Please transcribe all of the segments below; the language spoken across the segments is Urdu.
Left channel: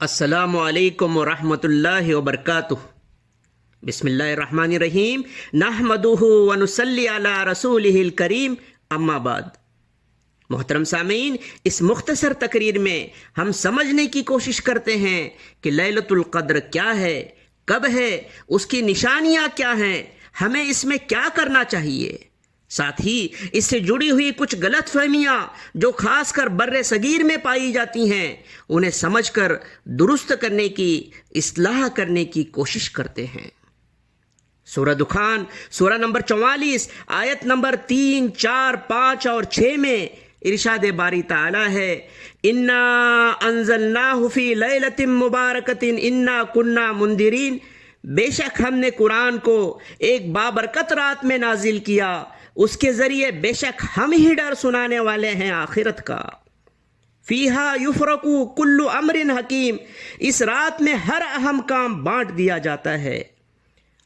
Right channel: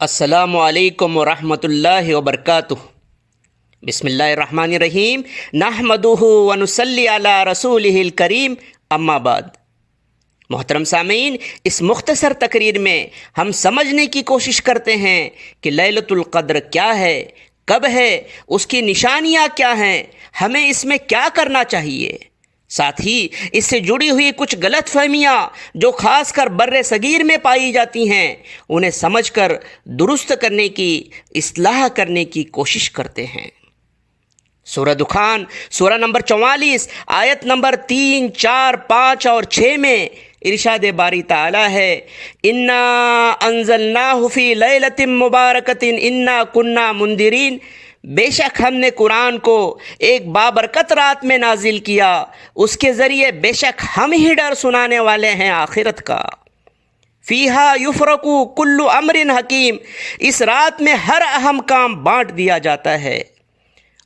السلام علیکم ورحمۃ اللہ وبرکاتہ۔ بسم اللہ الرحمن الرحیم، نحمدہ ونصلی علی رسولہ الکریم، اما بعد۔ محترم سامعین، اس مختصر تقریر میں ہم سمجھنے کی کوشش کرتے ہیں کہ لیلۃ القدر کیا ہے، کب ہے، اس کی نشانیاں کیا ہیں، ہمیں اس میں کیا کرنا چاہیے۔ ساتھ ہی اس سے جڑی ہوئی کچھ غلط فہمیاں جو خاص کر بر صغیر میں پائی جاتی ہیں، انہیں سمجھ کر درست کرنے کی، اصلاح کرنے کی کوشش کرتے ہیں۔ سورہ دخان سورہ نمبر 44 آیت نمبر 3، 4، 5 اور 6 میں ارشاد باری تعالی ہے، انا انزلناہ فی لیلۃ مبارکۃ انا کنا منذرین، بے شک ہم نے قرآن کو ایک بابرکت رات میں نازل کیا، اس کے ذریعے بے شک ہم ہی ڈر سنانے والے ہیں آخرت کا۔ فیہا یفرق کل امر حکیم، اس رات میں ہر اہم کام بانٹ دیا جاتا ہے۔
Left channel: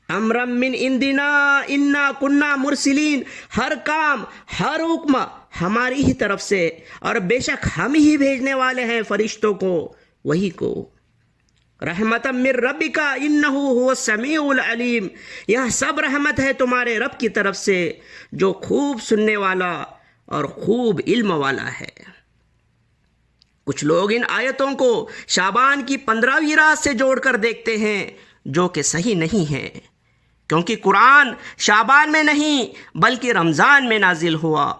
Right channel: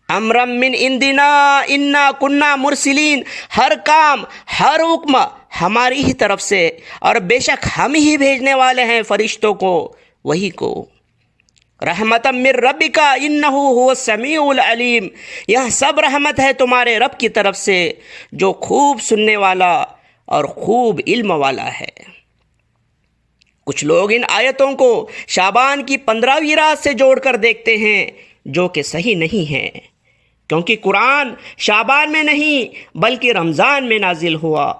امرا من عندنا انا کنا مرسلین، ہر کام، ہر حکم ہماری ہی طرف سے، اور بے شک ہم ہی بھیجنے والے ہیں فرشتوں کو، وہی کو۔ رحمتا من ربک انہ هو السمیع العلیم، یہ سب رحمت ہے تمہارے رب کی طرف سے جو خوب سننے والا اور خوب علم والا ہے۔ کچھ لوگ ان آیتوں کو شعبان کی 15ویں رات سے جوڑ کر دیکھتے ہیں، جو کہ صحیح نہیں ہے، کیونکہ قرآن شعبان میں نہیں بلکہ رمضان میں نازل ہوا۔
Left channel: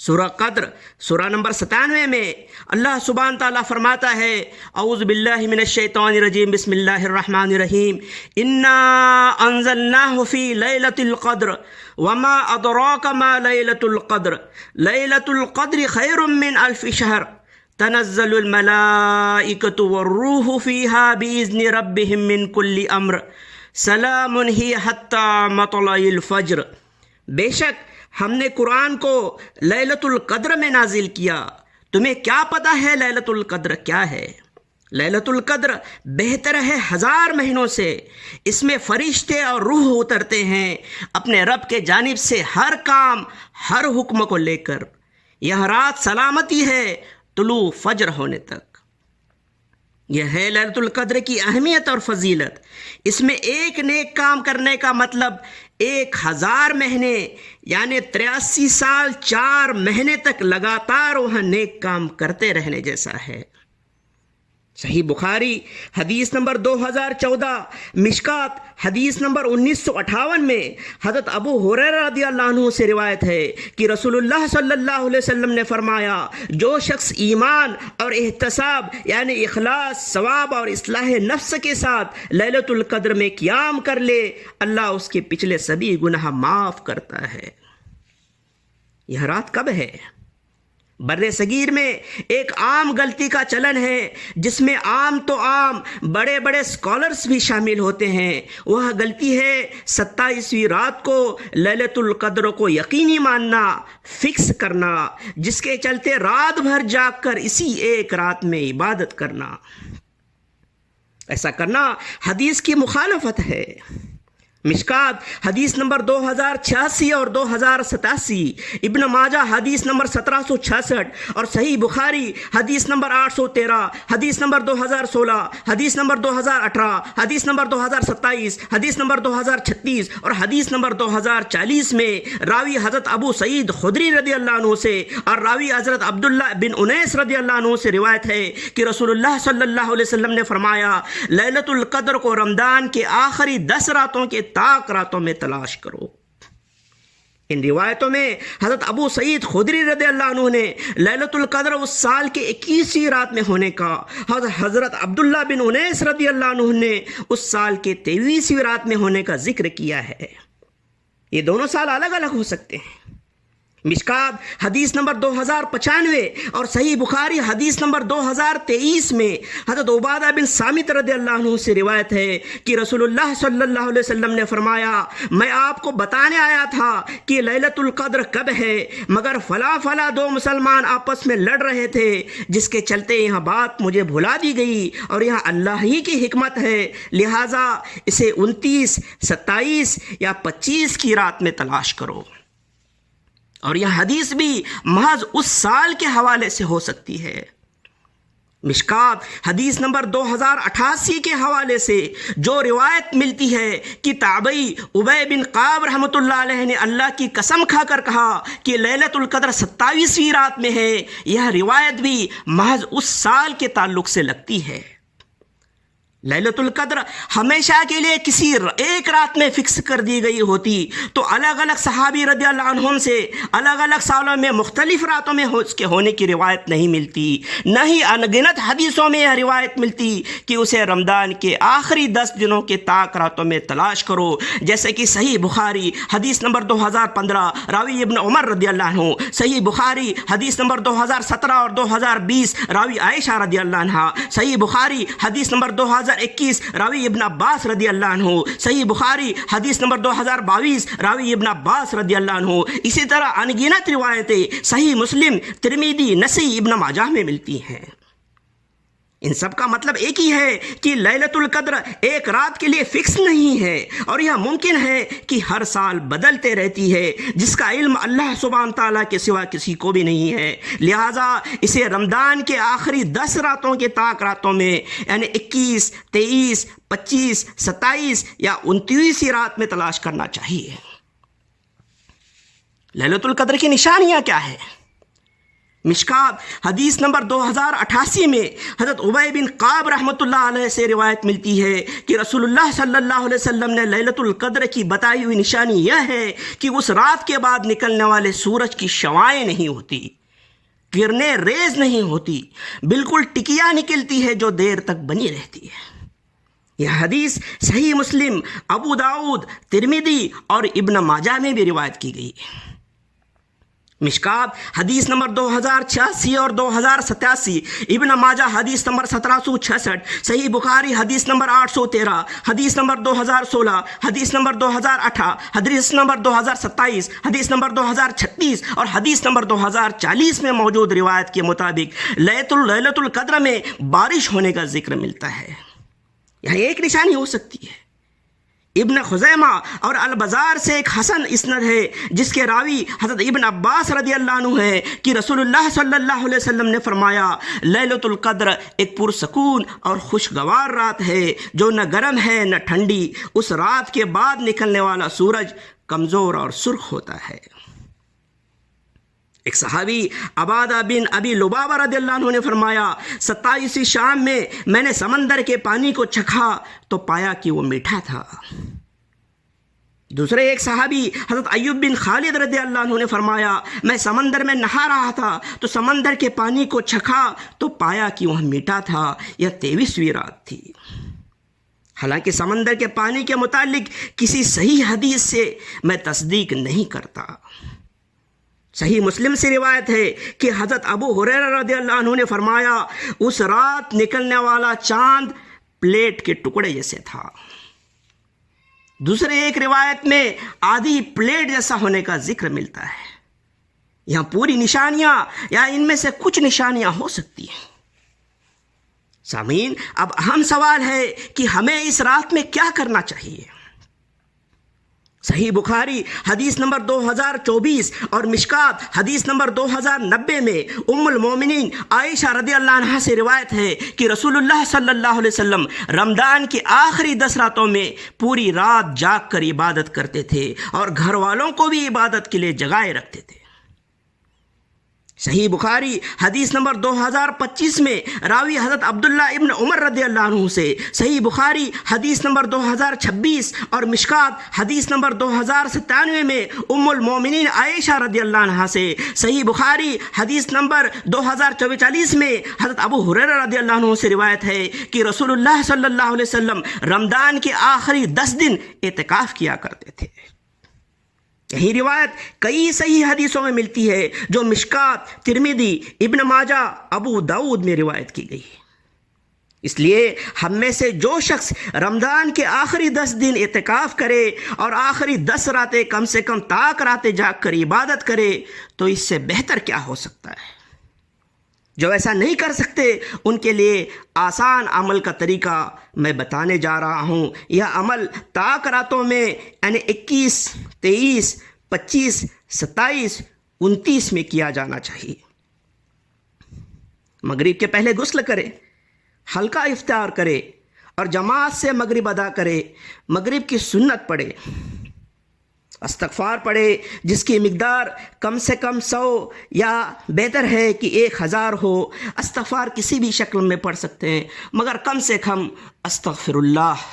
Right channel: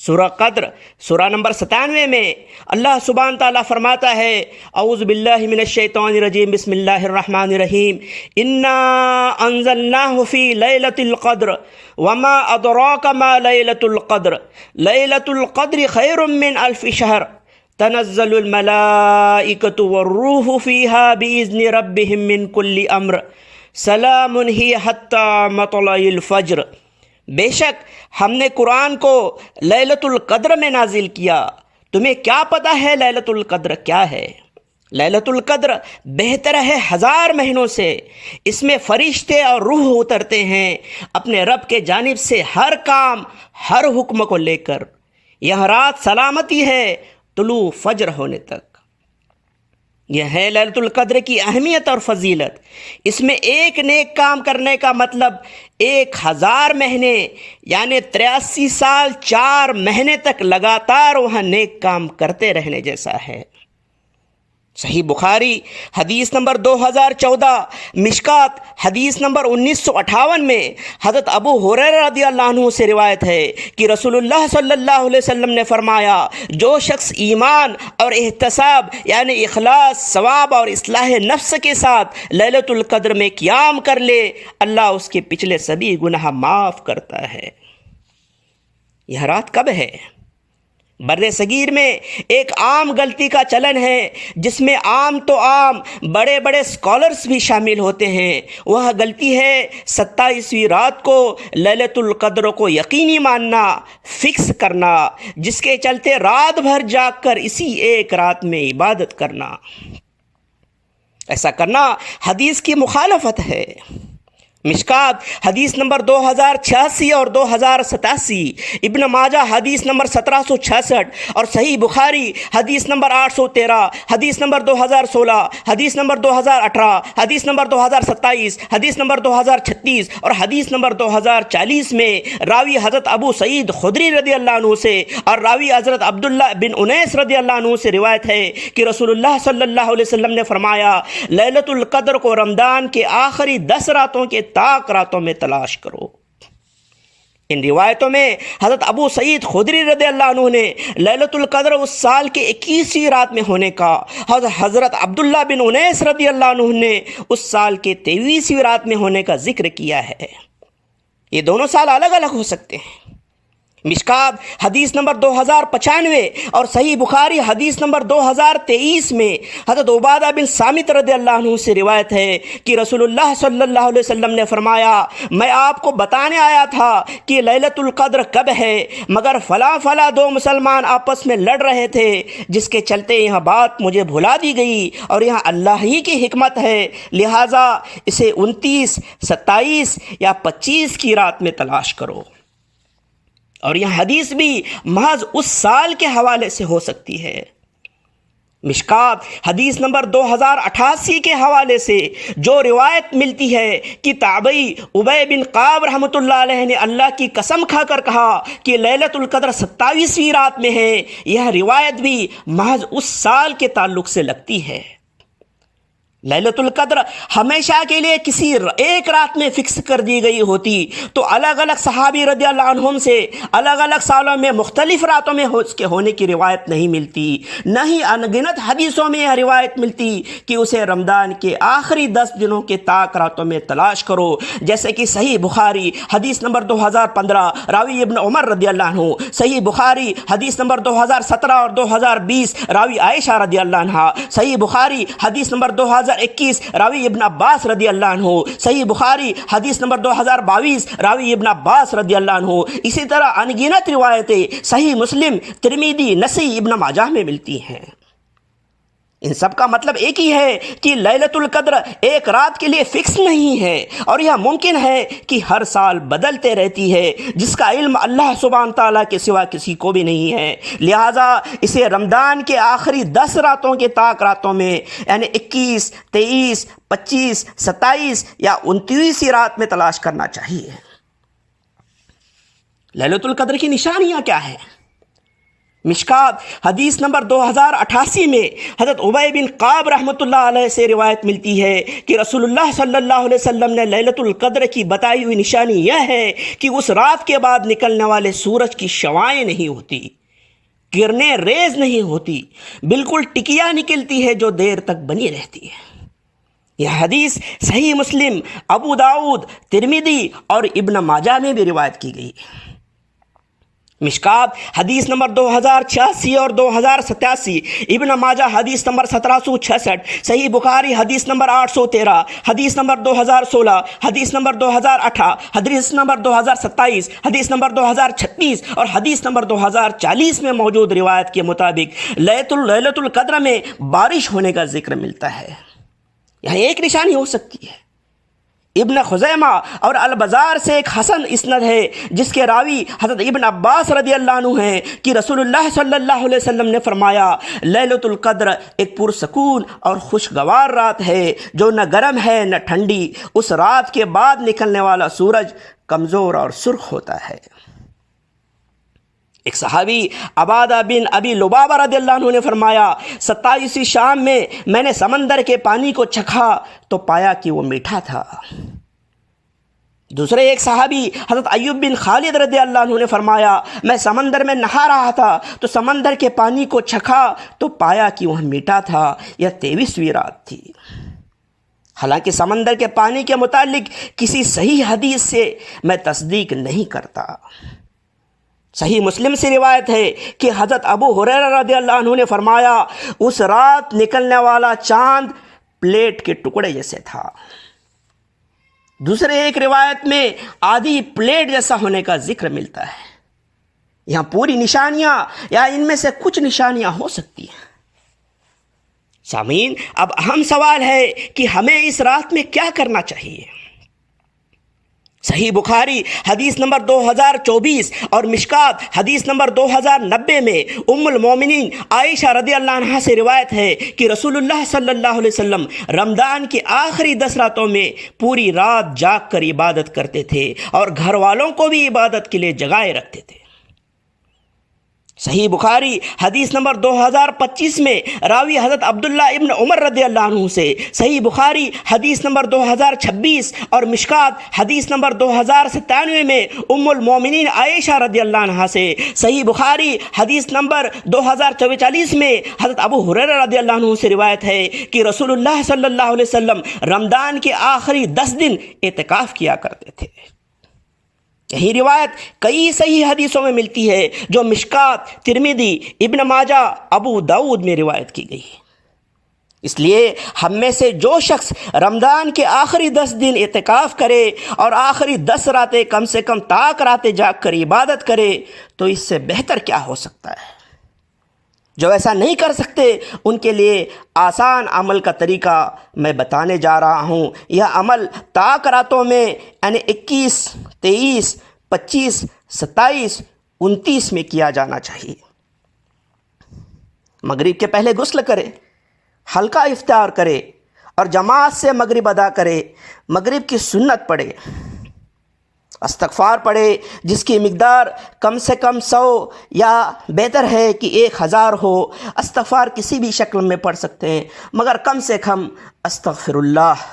سورہ قدر سورہ نمبر 97 میں اللہ سبحانہ تعالیٰ فرماتا ہے، اعوذ باللہ من الشیطان الرجیم، بسم اللہ الرحمن الرحیم، انا انزلناہ فی لیلۃ القدر وما ادراک ما لیلۃ القدر، لیلۃ القدر خیر من الف شہر، تنزل الملائکۃ والروح فیہا باذن ربہم من کل امر، سلام ہی حتی مطلع الفجر، بے شک ہم نے قرآن کو لیلۃ القدر میں نازل کیا۔ تمہیں کیا پتہ ہے لیلۃ القدر کیا ہے؟ لیلۃ القدر بہتر ہے 1000 مہینوں سے، اس میں فرشتے اور روح اترتے ہیں اپنے رب کے جانب سے ہر کام، ہر حکم کو لے کر۔ یہ رات سلامتی ہے طلوع فجر ہونے تک۔ یہ ہے لیلۃ القدر کی اہمیت اور فضیلت۔ اس میں ایک نیک کام کرنے کا مطلب 1000 مہینے یعنی 83 سال 4 مہینے تک لگاتار وہاں نیک کام کرتے رہنے جیسا ہے۔ صحیح بخاری حدیث نمبر 2014، مشکات حدیث نمبر 1958 میں حضرت ابو ہریرہ رضی اللہ عنہ سے روایت ہے کہ رسول اللہ صلی اللہ علیہ وسلم نے فرمایا، جو شخص ایمان اور احتساب یعنی اخلاص، ثواب اور اصلاح نفس کے ساتھ لیلۃ القدر میں قیام کر لے، اللہ اس کے پچھلے سبھی گناہ معاف کرتا ہے۔ یہ رات کب ہے؟ بر صغیر میں ایک عام غلطی کا چلن ہے، جس میں عام تو عام بڑے بڑے اسکالرس بھی شامل ہوتے ہیں۔ وہ غلطی ہے 27ویں رات کو لیلۃ القدر کو یقینی ماننا، فکس کرنا، جس کے چلتے رات بھر جاگ کر اسی ایک رات میں عبادت کرنا۔ ایسا کرنا حدیث کی مخالفت ہے۔ مشکات حدیث نمبر 2086 اور 2087، ابن ماجہ حدیث نمبر 1766 اور صحیح بخاری حدیث نمبر 813، حدیث نمبر 2016، حدیث نمبر 2018، حدیث نمبر 2027، حدیث نمبر 2036 اور حدیث نمبر 2040 میں راوی حضرت ابو سعید خدری رضی اللہ عنہ سے اور راوی حضرت عبداللہ بن انیس رضی اللہ عنہ سے روایت ہے کہ رسول اللہ صلی اللہ علیہ وسلم نے فرمایا، لیلۃ القدر کو رمضان کے آخری 10 راتوں کے طاق راتوں میں تلاش کرو۔ ان روایتوں میں حضرت ابو سعید خدری رضی اللہ عنہ نے لیلۃ القدر اس سال کے 21ویں رات میں ہونے کا، حضرت عبداللہ بن انیس رضی اللہ عنہ نے اس سال کے 23ویں رات میں ہونے کا ذکر کیا ہے۔ یہ دونوں سال الگ الگ ہو سکتے ہیں۔ مشکات حدیث نمبر 2095 اور صحیح بخاری حدیث نمبر 2023 میں حضرت عبادہ بن صامت رضی اللہ عنہ سے روایت ہے کہ رسول اللہ صلی اللہ علیہ وسلم نے فرمایا، میں آپ کو بتانے آیا تھا کہ لیلۃ القدر کب ہے، مگر فلاں 2 مسلمان آپس میں لڑ رہے تھے، جس کے چلتے یہ بات مجھے بھلا دی گئی، اور یہاں اللہ ہی کی حکمت ہے، لہٰذا اسے 29، 27 یا 25 کی رات میں تلاش کرو۔ اور یہ حدیث بھی محض اس سال کے حوالے سے ہو سکتی ہے۔ مشکات حدیث نمبر 2088 کے حوالے سے جو روایت ملتی ہے کہ تابعی ابی بن قعب رحمۃ اللہ علیہ نے اللہ کی قسم کھا کر کہا کہ لیلۃ القدر 27ویں رات میں ہے، یہ روایت بھی محض اس سال کے تعلق سے لگتی ہے۔ لیلۃ القدر ہمیشہ کے لیے کسی ایک رات میں فکس کر دی گئی ہوتی تو الگ الگ صحابی رضی اللہ عنہم سے الگ الگ سالوں میں مختلف راتوں میں اس کے ہونے کی روایت نہیں ملتی، نہ ہی انگنت حدیثوں میں یہ روایت ملتی کہ اسے رمضان کے آخری 10 دنوں کے طاق راتوں میں تلاش کرو، جیسے کہ صحیح بخاری حدیث نمبر 2015 راوی ابن عمر رضی اللہ عنہ، صحیح بخاری حدیث نمبر 2017 اور 2020 راوی عائشہ رضی اللہ عنہا، صحیح بخاری حدیث نمبر 2021 راوی ابن عباس رضی اللہ عنہ، صحیح بخاری حدیث نمبر 2022 راوی ابن عباس رضی اللہ عنہ۔ اسی طرح انگنت روایتیں صحیح مسلم، ترمذی، نسائی، ابن ماجہ میں ملتی ہیں۔ ان سب کا مطلب ایک ہی ہے کہ لیلۃ القدر ایک رات کے لیے فکس نہیں ہے، اور یہ ممکن ہے کہ ہر سال بدلتے رہتی ہے، جس کا علم اللہ سبحانہ تعالیٰ کے سوا کسی کو بھی نہیں ہے۔ لہٰذا اسے رمضان کے آخری 10 راتوں کے طاق راتوں میں، یعنی 21، 23، 25، 27 یا 29 رات میں تلاش کرنا چاہیے۔ لیلۃ القدر کی نشانیاں کیا ہیں؟ مشکات حدیث نمبر 2088 میں حضرت ابی بن قعب رحمۃ اللہ علیہ سے روایت ملتی ہے کہ رسول اللہ صلی اللہ علیہ وسلم نے لیلۃ القدر کی بتائی ہوئی نشانی یہ ہے کہ اس رات کے بعد نکلنے والے سورج کی شعاعیں نہیں ہوتی، کرنیں ریز نہیں ہوتی، بالکل ٹکیا نکلتی ہے جو دیر تک بنی رہتی ہے۔ یہ حدیث صحیح مسلم، ابو داؤد، ترمذی اور ابن ماجہ میں بھی روایت کی گئی ہے۔ مشکات حدیث نمبر 2086 اور 2087، ابن ماجہ حدیث نمبر 1766، صحیح بخاری حدیث نمبر 813، حدیث نمبر 2016، حدیث نمبر 2008، حدیث نمبر 2027، حدیث نمبر 2036 اور حدیث نمبر 2040 میں موجود روایت کے مطابق لیلۃ القدر میں بارش ہونے کا ذکر ملتا ہے۔ یہاں ایک نشانی ہو سکتی ہے۔ ابن خزیمہ اور البزار سے ایک حسن اسند ہے جس کے راوی حضرت ابن عباس رضی اللہ عنہ ہیں کہ رسول اللہ صلی اللہ علیہ وسلم نے فرمایا، لیلۃ القدر ایک پرسکون اور خوشگوار رات ہے جو نہ گرم ہے نہ ٹھنڈی، اس رات کے بعد نکلنے والا سورج کمزور اور سرخ ہوتا ہے۔ ایک صحابی عبادہ بن ابی لبابہ رضی اللہ عنہ نے فرمایا، 27ویں شام میں نے سمندر کے پانی کو چکھا تو پایا کہ وہ میٹھا تھا۔ دوسرے ایک صحابی حضرت ایوب بن خالد رضی اللہ عنہ نے فرمایا، میں سمندر میں نہا رہا تھا تو سمندر کے پانی کو چکھا تو پایا کہ وہ میٹھا تھا۔ یہ 23ویں رات تھی۔ حالانکہ سمندر کے پانی کے متعلق کسی صحیح حدیث سے میں تصدیق نہیں کرتا۔ صحیح مسلم سے روایت ہے کہ حضرت ابو ہریرہ رضی اللہ عنہ نے فرمایا، اس رات نکلنے والا چاند پلیٹ کے ٹکڑے جیسے تھا۔ دوسرے ایک روایت میں آدھی پلیٹ جیسا ہونے کا ذکر ملتا ہے۔ یہاں پوری نشانیاں یا ان میں سے کچھ نشانیاں ہو سکتی ہیں۔ سامعین، اب اہم سوال ہے کہ ہمیں اس رات میں کیا کرنا چاہیے؟ صحیح بخاری حدیث نمبر 2024 اور مشکات حدیث نمبر 2090 میں ام المومنین عائشہ رضی اللہ عنہا سے روایت ہے کہ رسول اللہ صلی اللہ علیہ وسلم رمضان کی آخری 10 راتوں میں پوری رات جاگ کر عبادت کرتے تھے اور گھر والوں کو بھی عبادت کے لیے جگائے رکھتے تھے۔ صحیح بخاری حدیث نمبر 2025 میں راوی حضرت عبداللہ ابن عمر رضی اللہ عنہ سے، صحیح بخاری حدیث نمبر 2026 اور مشکات حدیث نمبر 2097 میں ام المومنین عائشہ رضی اللہ عنہا سے، صحیح بخاری حدیث نمبر 2044 میں حضرت ابو ہریرہ رضی اللہ عنہ سے روایت ہے کہ رسول اللہ صلی اللہ علیہ وسلم رمضان کے آخری 10 دن اعتکاف کیا کرتے تھے۔ یہی روایت کئی صحیح حدیثوں میں ملتی ہے جو مشکات، ترمذی، ابن ماجہ، ابو داؤد میں روایت کی گئی۔ اس لیے ہم میں سے جو شخص رمضان کے آخری 10 دن اعتکاف کرے اور آخری 10 راتیں کم سے کم طاق راتیں جاگ کر عبادت کرے تو اس سے بہتر کیا ہو سکتا ہے؟ جو ایسا نہیں کر سکتے ان کے لیے آسان عمل کا طریقہ میں بتانے جا رہا ہوں۔ یہ عمل طاق راتوں میں یعنی 21، 23، 25، 27، 29 میں کیا جانا چاہیے۔ مغرب کے پہلے غسل کرے، ہلکا افطار کرے اور جماعت سے مغرب ادا کرے، مغرب کی سنت پڑھے، استغفار پڑھے جس کی مقدار کم سے کم 100 یا بہتر ہے کہ 1000 ہو۔ استغفار کسی بھی شکل میں پڑھ سکتے ہیں، مگر کم سے کم استغفر اللہ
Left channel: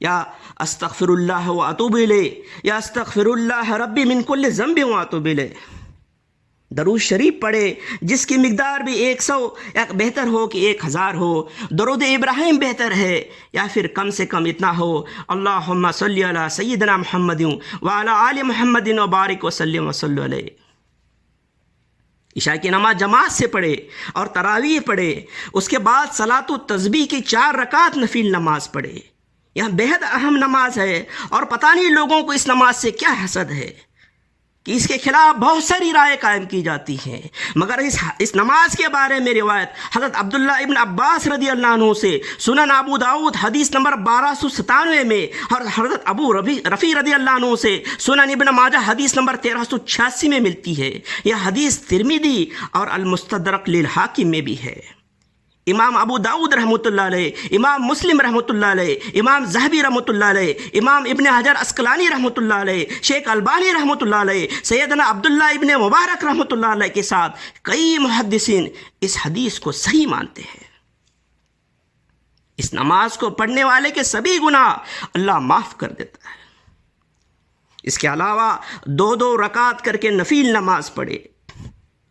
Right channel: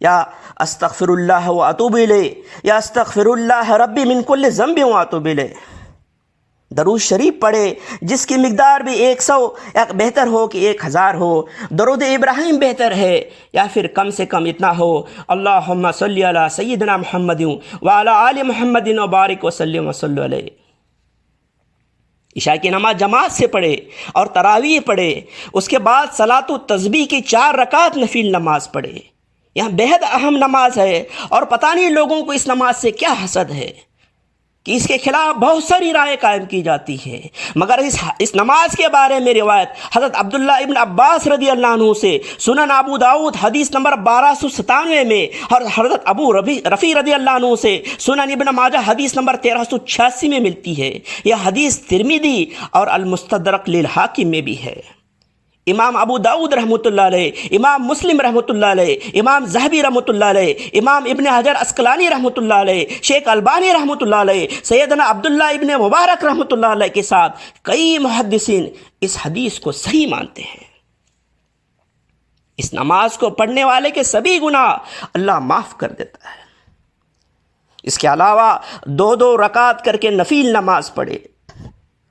یا استغفر اللہ و اتوب الیہ یا استغفر اللہ ربی من کل ذنب و اتوب الیہ۔ درود شریف پڑھے جس کی مقدار بھی 100 یا بہتر ہو کہ 1000 ہو۔ درود ابراہیم بہتر ہے یا پھر کم سے کم اتنا ہو، اللہم صلی علی سیدنا محمد وعلی آل محمد وبارک وسلم وصلی علیہ۔ عشاء کی نماز جماعت سے پڑھے اور تراویح پڑھے، اس کے بعد صلاۃ التسبیح کی 4 رکعت نفل نماز پڑھے۔ یہ بہت اہم نماز ہے اور پتہ نہیں لوگوں کو اس نماز سے کیا حسد ہے کہ اس کے خلاف بہت ساری رائے قائم کی جاتی ہیں، مگر اس نماز کے بارے میں روایت حضرت عبداللہ ابن عباس رضی اللہ عنہ سے سنن ابو داؤد حدیث نمبر 1297 میں، اور حضرت ابو رفیع رضی اللہ عنہ سے سنن ابن ماجہ حدیث نمبر 1386 میں ملتی ہے۔ یہ حدیث ترمذی اور المستدرک للحاکم میں بھی ہے۔ امام ابو داؤد رحمۃ اللہ علیہ، امام مسلم رحمۃ اللہ علیہ، امام ذہبی رحمۃ اللہ علیہ، امام ابن حجر عسقلانی رحمۃ اللہ علیہ، شیخ البانی رحمۃ اللہ علیہ، سیدنا عبداللہ ابن مبارک رحمۃ اللہ علیہ کے ساتھ کئی محدثین اس حدیث کو صحیح مانتے ہیں۔ اس نماز کو پڑھنے والے کے سبھی گناہ اللہ معاف کر دیتا ہے۔ اس کے علاوہ 2 رکعت کر کے نفل نماز پڑھے،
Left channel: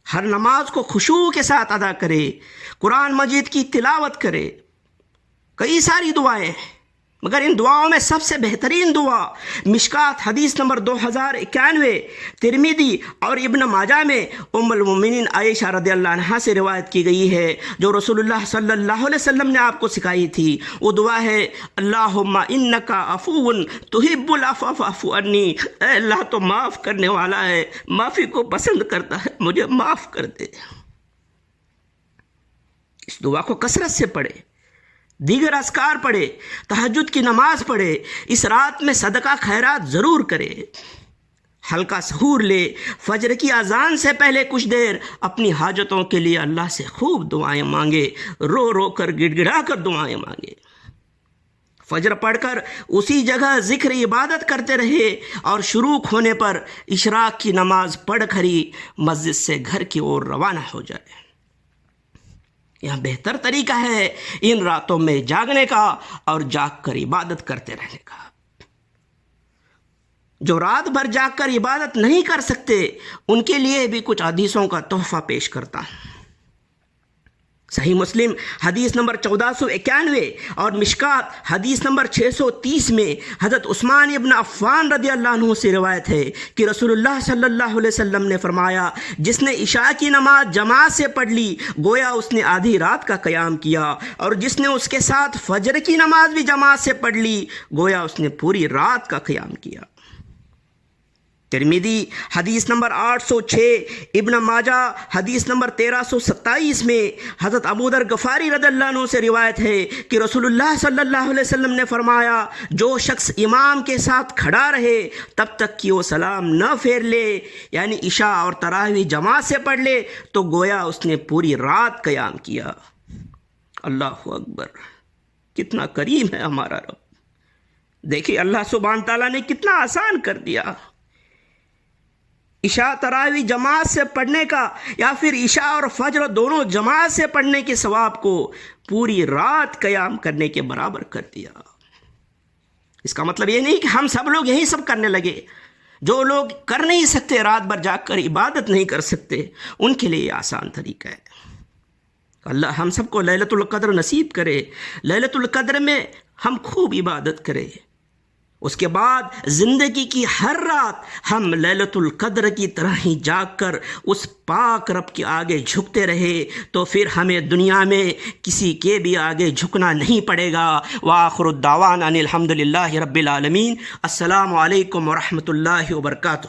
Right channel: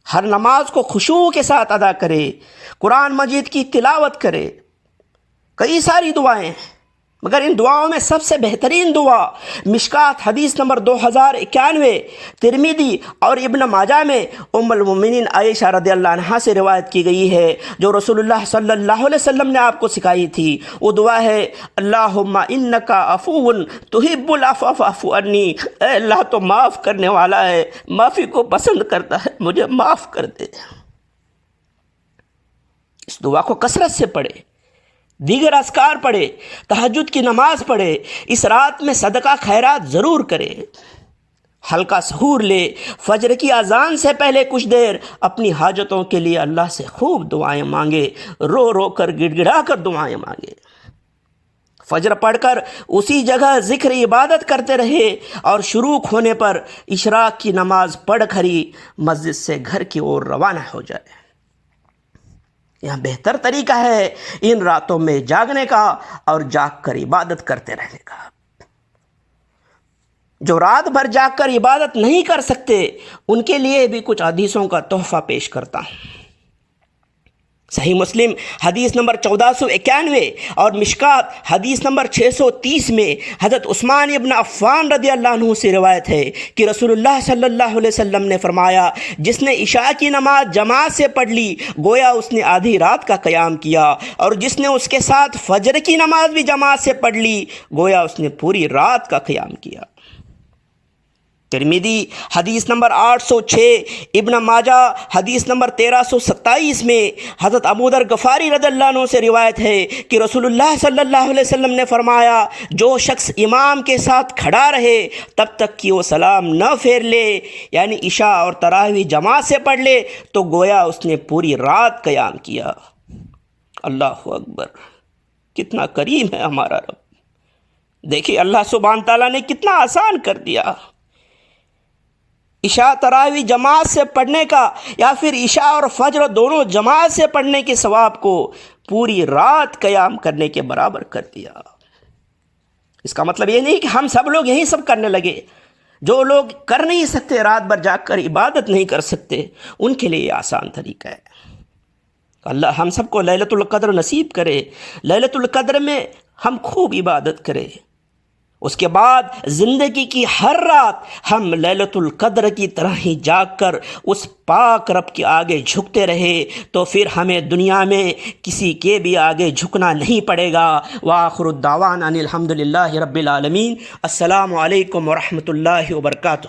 ہر نماز کو خشوع کے ساتھ ادا کرے، قرآن مجید کی تلاوت کرے۔ کئی ساری دعائیں ہیں، مگر ان دعاؤں میں سب سے بہترین دعا مشکات حدیث نمبر 2091 ترمذی اور ابن ماجہ میں ام المؤمنین عائشہ رضی اللہ عنہا سے روایت کی گئی ہے، جو رسول اللہ صلی اللہ علیہ وسلم نے آپ کو سکھائی تھی۔ وہ دعا ہے اللہم انک عفو تحب العفو فاعف عنی، اے اللہ تو معاف کرنے والا ہے، معافی کو پسند کرتا ہے، مجھے معاف کر دے۔ اس دعا کو کثرت سے پڑھے، دیگر اذکار پڑھے، تہجد کی نماز پڑھے، اس رات میں صدقہ خیرات ضرور کرے، ہلکا سحور لے، فجر کی اذان سے پہلے کچھ دیر اپنی حاجتوں کے لیے اللہ سے خوب دعائیں مانگے، رو رو کر گڑ گڑا کر دعائیں مانگے۔ فجر پڑھ کر اسی جگہ ذکر عبادت کرتے رہے اور شروع ہونے پر اشراق کی نماز پڑھ کر ہی مسجد سے گھر کی اور روانہ ہو جائے۔ یہ بہتر طریقہ ہے ان راتوں میں جاگنے کا اور جاگ کر عبادت کرتے رہنے کا۔ جو رات بھر جاگ کر عبادت نہیں کر سکتے ان کے لیے بھی کچھ حدیثوں کا تحفہ پیش کرتا ہوں۔ صحیح مسلم حدیث نمبر 1491 اور مشکات حدیث نمبر 630 میں حضرت عثمان ابن عفان رضی اللہ عنہ سے روایت ہے کہ رسول اللہ صلی اللہ علیہ وسلم نے فرمایا، جس نے عشاء کی نماز جماعت سے پڑھ لی گویا اس نے آدھی رات کا قیام کیا، اور جس نے اس کے ساتھ فجر کی نماز بھی جماعت سے پڑھ لی گویا اس نے پوری رات کا قیام کیا۔ ترمذی حدیث نمبر 806، ابن ماجہ حدیث نمبر 1327 میں حضرت ابو ذر غفاری رضی اللہ عنہ سے روایت ہے کہ رسول اللہ صلی اللہ علیہ وسلم نے فرمایا، جو شخص امام کے ساتھ کھڑا رہے تب تک کہ وہ سلام نہ پھیر لے، یعنی عشاء اور تراویح جماعت سے پڑھ لے، تو گویا اس نے پوری رات قیام کیا۔ اللہ اکبر، کتنا کریم ہے ہمارا رب۔ دیکھیے اللہ سبحانہ تعالیٰ نے کتنا آسان کر دیا۔ عشاء تراویح جماعت سے پڑھنے کا یا پھر عشاء اور فجر دونوں جماعت سے پڑھنے کے ثواب کو پوری رات قیام کرنے کے برابر کر دیا۔ اس کا مطلب یہ نہیں کہ ہم سب لوگ یہی سب کرنے لگے۔ جو لوگ کر نہیں سکتے، رات بھر جاگ کر عبادت نہیں کر سکتے، ان کے لیے یہ آسان طریقہ ہے۔ اللہ ہم سب کو لیلۃ القدر نصیب کرے، لیلۃ القدر میں ہم خوب عبادت کریں، اس کے بعد زندگی کی ہر رات ہم لیلۃ القدر کی طرح ہی جاگ کر اس پاک رب کے آگے جھکتے رہے، تو پھر ہمیں دنیا میں کسی کے بھی آگے جھکنا نہیں پڑے گا۔ وآخر الدعوانا ان الحمد للہ رب العالمین۔ السلام علیکم ورحمۃ اللہ وبرکاتہ۔